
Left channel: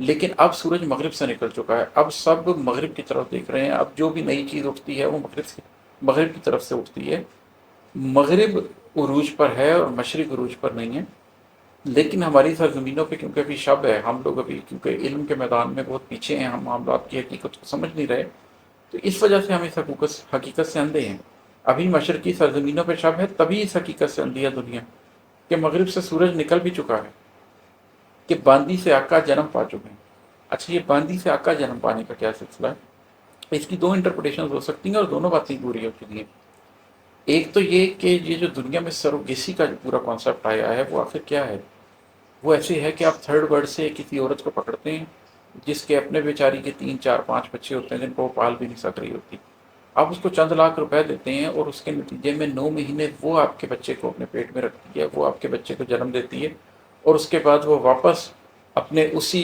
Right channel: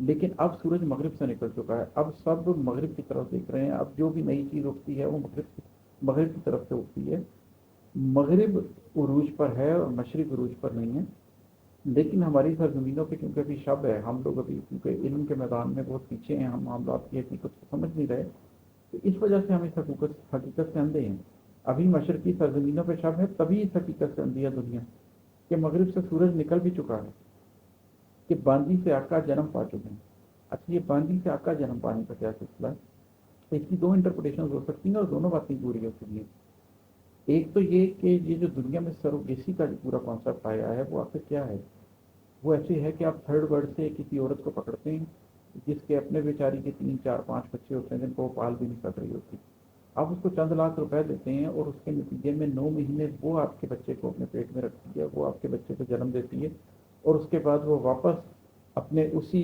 لیکن اب سورج مغرب سے نکل چکا ہے، اب سب مغرب کی طرف دیکھ رہے ہیں. اب جو بھی نئی چیز اٹھتی ہے وہ مغرب کی طرف سے اٹھتی ہے. مغرب عروج پر ہے اور مشرق عروج پر نہیں ہے. لیکن ہماری سرزمینوں پہ کیونکہ ابھی شب ہے، ہم لوگ ابھی کیونکہ علم کے میدان میں بہت پیچھے ہیں، ہم معاملات کی حقیقت کو سمجھ نہیں رہے، تو اس وجہ سے ہم اس حقیقت سے اندھے ہیں. ابھی مشرقی سرزمینوں پہ شب ہے، تبھی اس حقیقت سے اندھی ہے دنیا کہ مغرب سے سورج نکل بھی چکا ہے، کہ باندی سے آقا جنم پا چکے ہیں. اچھا، یہ باندی سے آقا جنم پانے کا کیا سلسلہ ہے؟ اس کی دو انٹرپریٹیشنز ہو سکتی ہیں اور دونوں باتیں پوری ہو چکی ہیں. ایک تو یہ کہ یہ جو دنیا میں سروگیسی کا جو پورا کانسیپٹ آیا ہے وہ آخر کیا ہے. وہ ایسے ہے کہ آپ تھرڈ ورلڈ سے کسی عورت کو پکڑتے ہیں جس کے اپنے بیچاری کے 3 4 5 بچے ہوتے ہیں جن کو وہ پال بھی نہیں سک رہی ہوتی. آپ اس کو چند لاکھ روپے دیتے ہیں اور اس کے نتیجے میں 9 مہینے وہ آپ کے بچے کو اپنے پیٹ میں رکھتی ہے، وہ آپ کے بچے کو جنم دیتی ہے، اور اس کے بعد وہ واپس اپنے اسی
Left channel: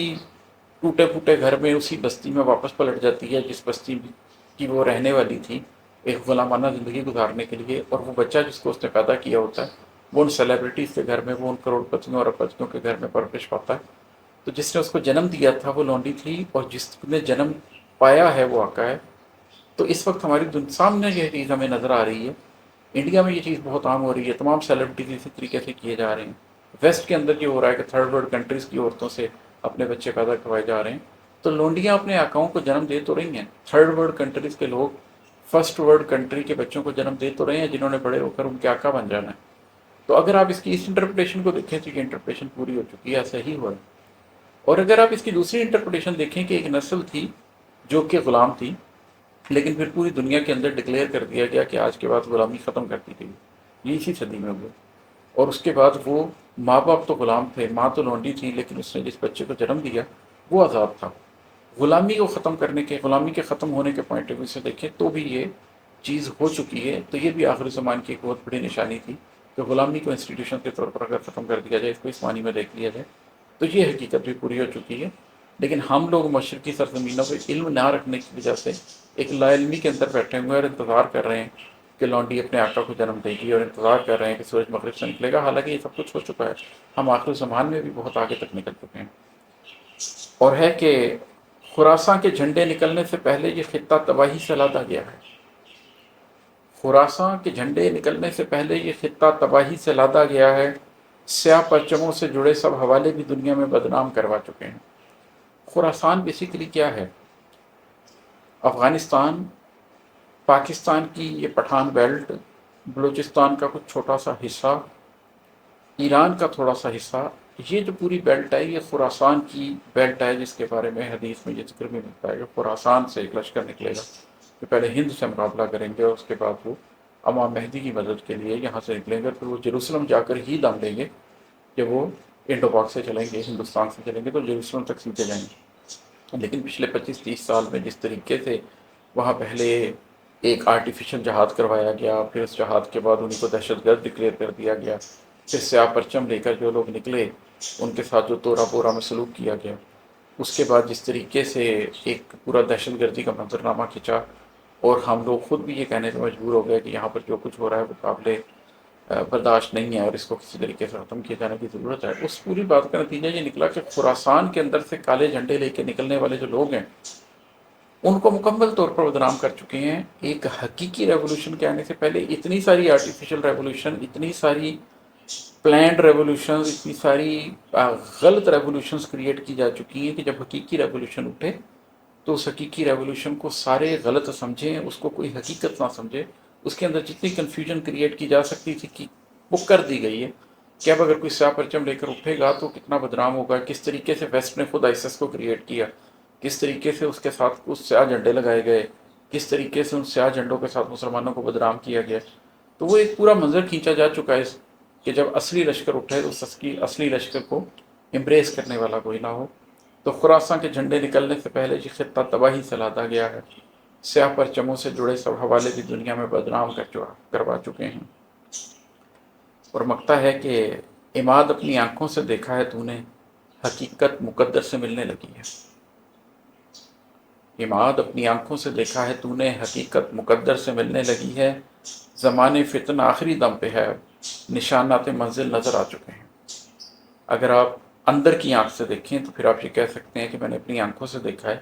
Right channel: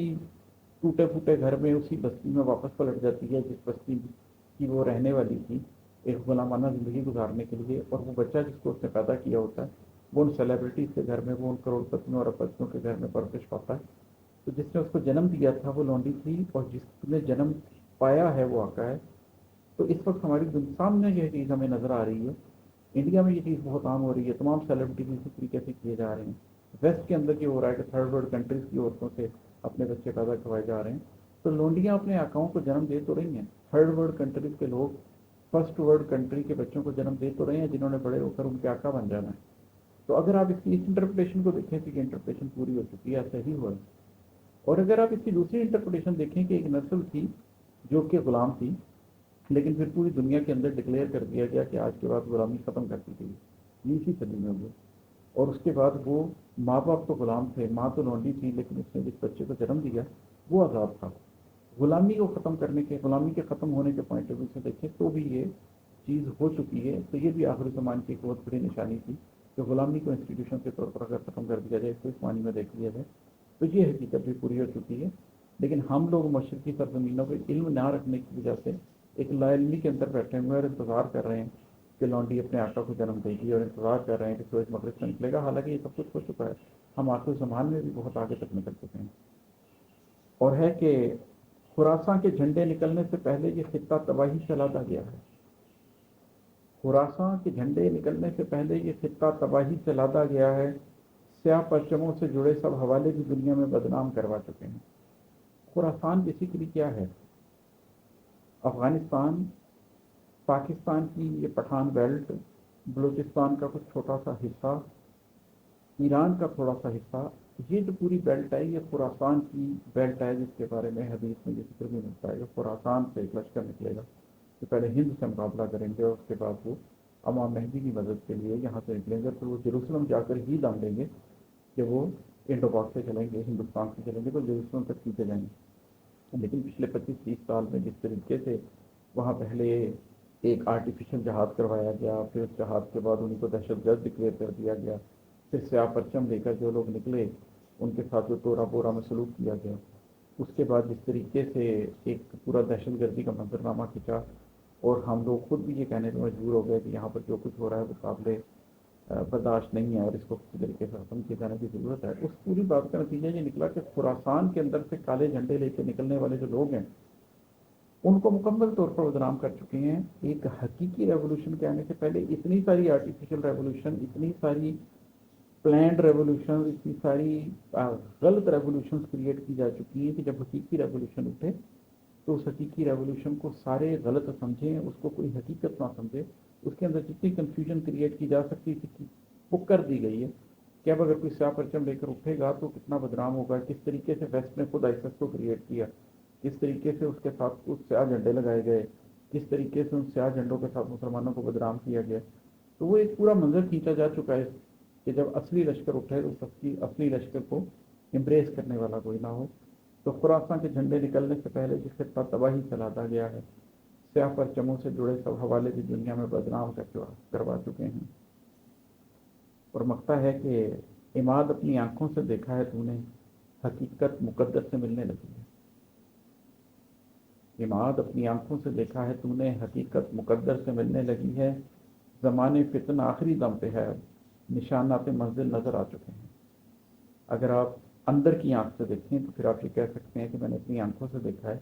ٹوٹے پھوٹے گھر میں، اسی بستی میں واپس پلٹ جاتی ہے جس بستی کی وہ رہنے والی تھی ایک غلامانہ زندگی گزارنے کے لیے. اور وہ بچہ جس کو اس نے پیدا کیا ہوتا ہے وہ ان سیلیبریٹیز کے گھر میں، وہ ان کروڑ پتیوں اور اربپتیوں کے گھر میں پرورش پاتا ہے. تو جس نے اس کو جنم دیا تھا وہ لونڈی تھی، اور جس نے جنم پایا ہے وہ آقا ہے. تو اس وقت ہماری سامنے یہ چیز ہمیں نظر آ رہی ہے. انڈیا میں یہ چیز بہت عام ہو رہی ہے، تمام سیلیبریٹیز اسی طریقے سے کیے جا رہے ہیں. ویسٹ کے اندر یہ ہو رہا ہے کہ تھرڈ ورلڈ کنٹریز کی عورتوں سے اپنے بچے پیدا کروائے جا رہے ہیں. تو لونڈیاں اپنے آقاؤں کو جنم دے تو رہی ہیں، تھرڈ ورلڈ کنٹریز کے لوگ فرسٹ ورلڈ کنٹری کے بچوں کو جنم دے تو رہے ہیں جنہوں نے بڑے ہو کر ان کے آقا بن جانا ہے. تو اگر آپ اس کی اس انٹرپریٹیشن کو دیکھیں تو یہ انٹرپریٹیشن پوری ہو چکی ہے، ایسا ہی ہوا ہے. اور اگر آپ اس کی دوسری انٹرپریٹیشن دیکھیں کہ ایک نسل تھی جو کہ غلام تھی، لیکن پھر پوری دنیا کے اندر ڈکلیئر کر دیا گیا کہ آج کے بعد غلامی ختم کر دی گئی، یہ اسی صدی میں ہوئے. اور اس کے بعد وہ ماں باپ تو غلام تھے، ماں تو لونڈی تھی، لیکن اس نے جس بچے کو جنم دیا وہ آزاد تھا. غلامی کو ختم کرنے کے، غلامی کے ختم ہونے کے پوائنٹ آف ویو سے دیکھیں تو بھی یہ چیز ہو چکی ہے، تو یہ بھی آخر زمان کی ایک بہت بڑی نشانی تھی کہ غلامی کو انسٹیٹیوشن کے طور پر اگر ختم کر دیا جائے، اس کو اس معنی میں دیکھ لیا جائے، تو یہ حقیقت بھی پوری ہو چکی ہے۔ لیکن ہم لوگ مشرقی سرزمینوں پہ علم نہ رکھنے کی وجہ سے ایک لا علمی کے اندر بیٹھے ہوئے اور انتظار کر رہے ہیں کہ لونڈی اپنے آقا کو جنم دے گی، اور انتظار کر رہے ہیں کہ سورج مغرب سے نکلے گا، حالانکہ یہ سب کچھ ہو چکا ہے۔ ہم آخر زمان میں بھی بہت آگے تک نکل چکے ہیں، اور ہے کہ خراساں کے جھنڈے نکلنے سے پہلے یہ خطہ تباہی سے لادا گیا ہے۔ خراساں کے جھنڈے نکلنے سے پہلے یہ خطہ تباہی سے لادا گیا ہے، سیاہ پرچموں سے جڑے سب حوالے بھی دنیا میں بدنام کروا چکے ہیں۔ خراسان بیسیکلی کیا ہے؟ افغانستان، پاکستان کی یہ پٹھان بیلٹ، بلوچستان کا کچھ چھوٹا سا حصہ، ایران کا تھوڑا سا حصہ، یہ جو پوری بیلٹ ہے یہ خراسان کی بیلٹ ہے، جس کے بارے میں حدیث میں یہ ذکر بھی ملتا ہے کہ خراسان سے ایک لشکر نکلے گا کہ پہلے ہند سے مقابلہ کریں گے، اور اس کے بعد وہ امام مہدی کی مدد کے لیے یہاں سے نکلیں گے، پھر وہ جیروسلم جا کر ہی دم لیں گے۔ جب وہ انڈو پاک سے چلیں گے، ہندوستان سے چلیں گے، تو جیروسلم تک سیدھے جائیں گے۔ لیکن پچھلے 25-30 سال میں جس طریقے سے وہاں پہلے ایک آرٹیفیشل جہاد کروایا گیا، پھر اس جہاد کے بعد ان کو دہشت گرد ڈکلیئر کر دیا گیا، پھر سیاہ پرچم لے کر جو لوگ نکلے ان کے ساتھ جو تورا بورا میں سلوک کیا گیا، اس کے بعد جس طریقے سے ایک پورا دہشت گردی کا منظرنامہ کھینچا، اور ہم لوگ خود بھی یہ کہنے پہ مجبور ہو گئے کہ یہاں پر جو کچھ ہو رہا ہے وہ قابل برداشت نہیں ہے، اور اس کو کسی طریقے سے ختم کیے جانے کی ضرورت ہے۔ اس پوری بات کا نتیجہ یہ نکلا کہ خراسان کے اندر سے کالے جھنڈے لے کے نکلنے والے جو لوگ ہیں ان کو مکمل طور پر بدنام کر چکے ہیں۔ ایک حقیقی ریولوشن کے آنے سے پہلے اتنی ساری آرٹیفیشل ریولوشن، اتنی ساری پلانڈ ریولوشنز، اتنی ساری غلط ریولوشنز کریٹ کی جا چکی ہیں کہ جب حقیقی ریولوشن اٹھے تو اس حقیقی ریولوشن کو سارے غلط سمجھیں، اس کو کوئی حقیقت نہ سمجھے، اس کے اندر جتنی کنفیوژن کریٹ کی جا سکتی تھی کہ وہ کر دی گئی ہے کہ اب اگر کوئی سیاہ پرچم لے کر اٹھے گا تو کتنا بدنام ہوگا، کس طریقے سے ویسٹ نے خود آئیسس کو کریٹ کیا، کس طریقے سے اس کے ساتھ اس سیاہ جھنڈے لگائے گئے، کس طریقے سے ان سیاہ جھنڈوں کے ساتھ مسلمانوں کو بدنام کیا گیا۔ تو وہ ایک پورا منظر کھینچا جا چکا ہے کہ جب اصلی لشکر اٹھے تو اس اصلی لشکر کو امبریس کرنے والا کوئی نہ ہو۔ تو خراساں کے جھنڈے نکلنے سے پہلے یہ خطہ تباہی سے لادا گیا ہے، سیاہ پرچموں سے جڑے سب حوالے بھی دنیا میں بدنام کروا چکے ہیں۔ اور مکتا ہے کہ عماد اپنی آنکھوں سے دیکھا ہے تو نے، حقیقت مقدر سے ملنے لگی ہے۔ عماد اپنی آنکھوں سے دیکھا ہے تو نے، حقیقت مقدر سے ملنے لگی ہے، زمانے فتن آخری دم پہ ہے، نشانات منزل نظر آ چکے ہیں۔ اگر آپ اندر کی آنکھ سے دیکھیں تو پھر آپ یہ کہہ سکتے ہیں کہ میں نے اپنی آنکھوں سے دیکھا ہے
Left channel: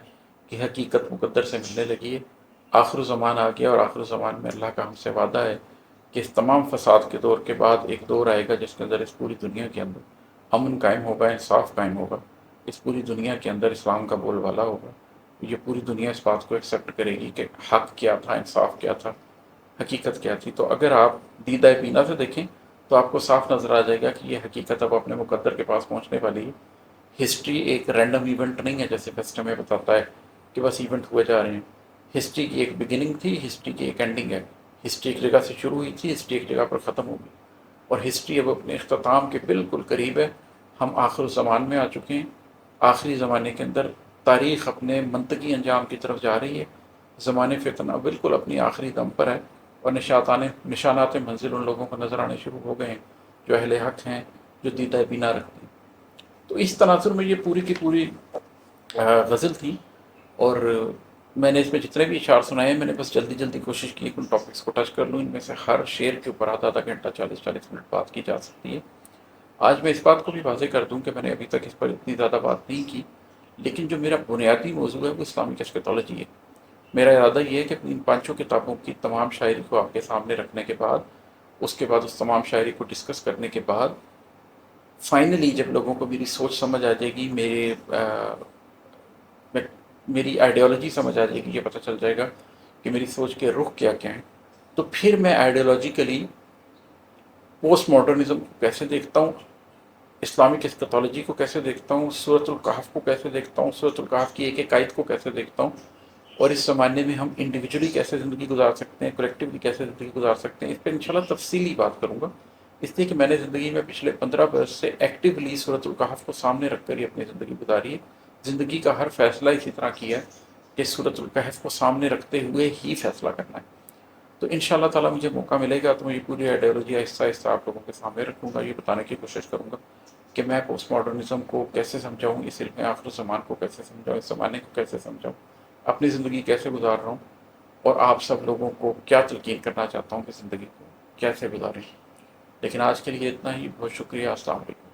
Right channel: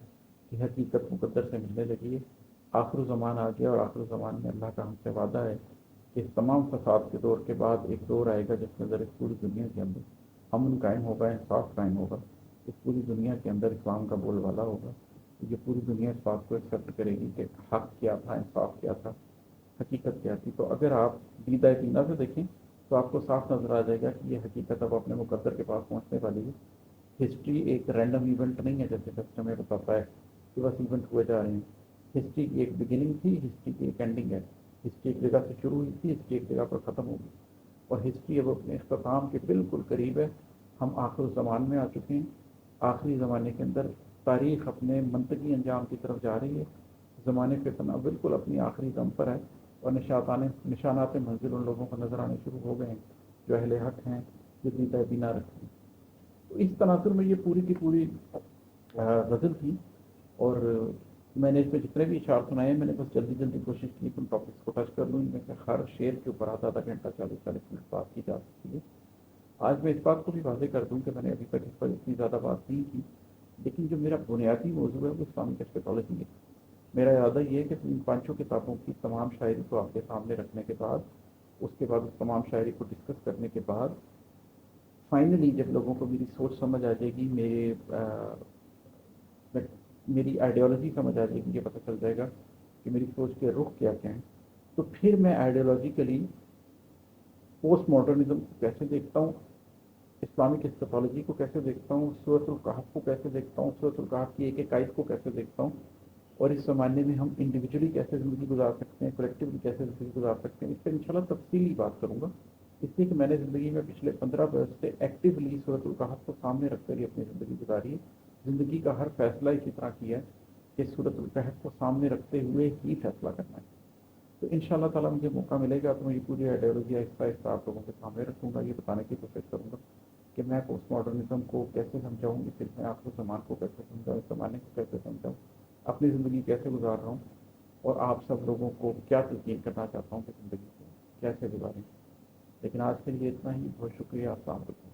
کہ حقیقت مقدر سے ملنے لگی ہے، آخر زمان آ گیا، اور آخر زمان میں اللہ کا ہم سے وعدہ ہے کہ اس تمام فساد کے دور کے بعد ایک دور آئے گا جس کے اندر اس پوری دنیا کے اندر امن قائم ہوگا، انصاف قائم ہوگا، اس پوری دنیا کے اندر اسلام کا بول بالا ہوگا۔ یہ پوری دنیا اس بات کو ایکسیپٹ کرے گی کہ حق کیا تھا، انصاف کیا تھا، حقیقت کیا تھی۔ تو اگر آپ دیدہ بینا سے دیکھیں تو آپ کو صاف نظر آ جائے گا کہ یہ حقیقت اب اپنے مقدر کے پاس پہنچنے والی ہے۔ ہسٹری ایک رینڈم ایونٹ نہیں ہے جیسے فیسٹ ہمیں بتاتا ہے کہ بس ایونٹ ہوئے جا رہے ہیں۔ ہسٹری کی ایک بگننگ تھی، ہسٹری کی ایک اینڈنگ ہے۔ ہسٹری ایک جگہ سے شروع ہوئی تھی، ہسٹری ایک جگہ پر ختم ہوگی، اور ہسٹری اب اپنے اختتام کے بالکل قریب ہے۔ ہم آخر زمان میں آ چکے ہیں۔ آخری زمانے کے اندر تاریخ اپنے منطقی انجام کی طرف جا رہی ہے۔ زمانے فتنہ بالکل اپنی آخری دم پر ہے، اور نشانات منزل ان لوگوں کو نظر آنے شروع ہو گئے ہیں جو اہل حق ہیں، جو دیدہ بینا رکھتے ہیں۔ تو اس تناظر میں یہ پوری کی پوری غزل تھی، اور میں نے اس میں جتنے بھی اشعار سنائے ہیں میں نے بس جلدی جلدی کوشش کی کہ ان ٹاپکس کو ٹچ کر لوں۔ ان میں سے ہر شعر کے اوپر آدھا آدھا گھنٹہ 40-40 منٹ بات کی جا سکتی ہے۔ آج میں اس بات کو بھی واضح کر دوں کہ میں نے ابھی تک اس پر اتنی زیادہ بات نہیں کی، لیکن جو میرا بنیادی موضوع ہے وہ اسلامک ایسکیٹالوجی ہے۔ میرا ارادہ یہ ہے کہ ان 5 کتابوں کی تمام شاعری کو آپ کے سامنے رکھنے کے بعد، اس کے بعد اس تمام شاعری کو ڈسکس کرنے کے بعد، فائنلی جب لوگوں کو میری سوچ سمجھ آ جائے گی، میری آئیڈیالوجی سمجھ آ جائے گی، یہ پتہ چل جائے گا کہ میری سوچ کے رخ کیا کیا ہیں، تو پھر میں آئیڈیالوجیکلی پوسٹ ماڈرنزم کو کیسے دیکھتا ہوں، اسلامک ایسکیٹالوجی کو کیسے دیکھتا ہوں، سورۃ الکہف کو کیسے دیکھتا ہوں، سورۃ الکہف کی ایک ایک آیت کو کیسے دیکھتا ہوں، اور اس زمانے میں ہم انڈیویجولی کیسے زندگی گزار سکتے ہیں، کلیکٹیولی کیسے زندگی گزار سکتے ہیں، اس پہ انشاءاللہ تفصیلی بات کروں گا۔ اس لیے کہ میں نے زندگی میں پچھلے 15 برس سے ایکٹیولی سورۃ الکہف کو سامنے رکھ کر ہی اپنی زندگی گزاری ہے، زندگی کا ہر فیصلہ اسی طرح کیا ہے کہ سورۃ الکہف کو سامنے رکھتے ہوئے ہی فیصلہ کرنا ہے۔ تو ان شاء اللہ تعالیٰ مجھے موقع ملے گا تو میں یہ پوری آئیڈیالوجی آہستہ آہستہ آپ لوگوں کے سامنے رکھوں گا، یہ بتانے کی کوشش کروں گا کہ میں پوسٹ ماڈرنزم کو کیسے سمجھاؤں، اس علم آخر الزمان کو کیسے سمجھاؤں، اس زمانے کو کیسے سمجھاؤں، اپنی زندگی کیسے گزار رہا ہوں، اور آپ سب لوگوں کو کیا تلقین کرنا چاہتا ہوں کہ زندگی کو کیسے گزاریں۔ لیکن آج کے لیے اتنا ہی، بہت شکریہ، السلام علیکم۔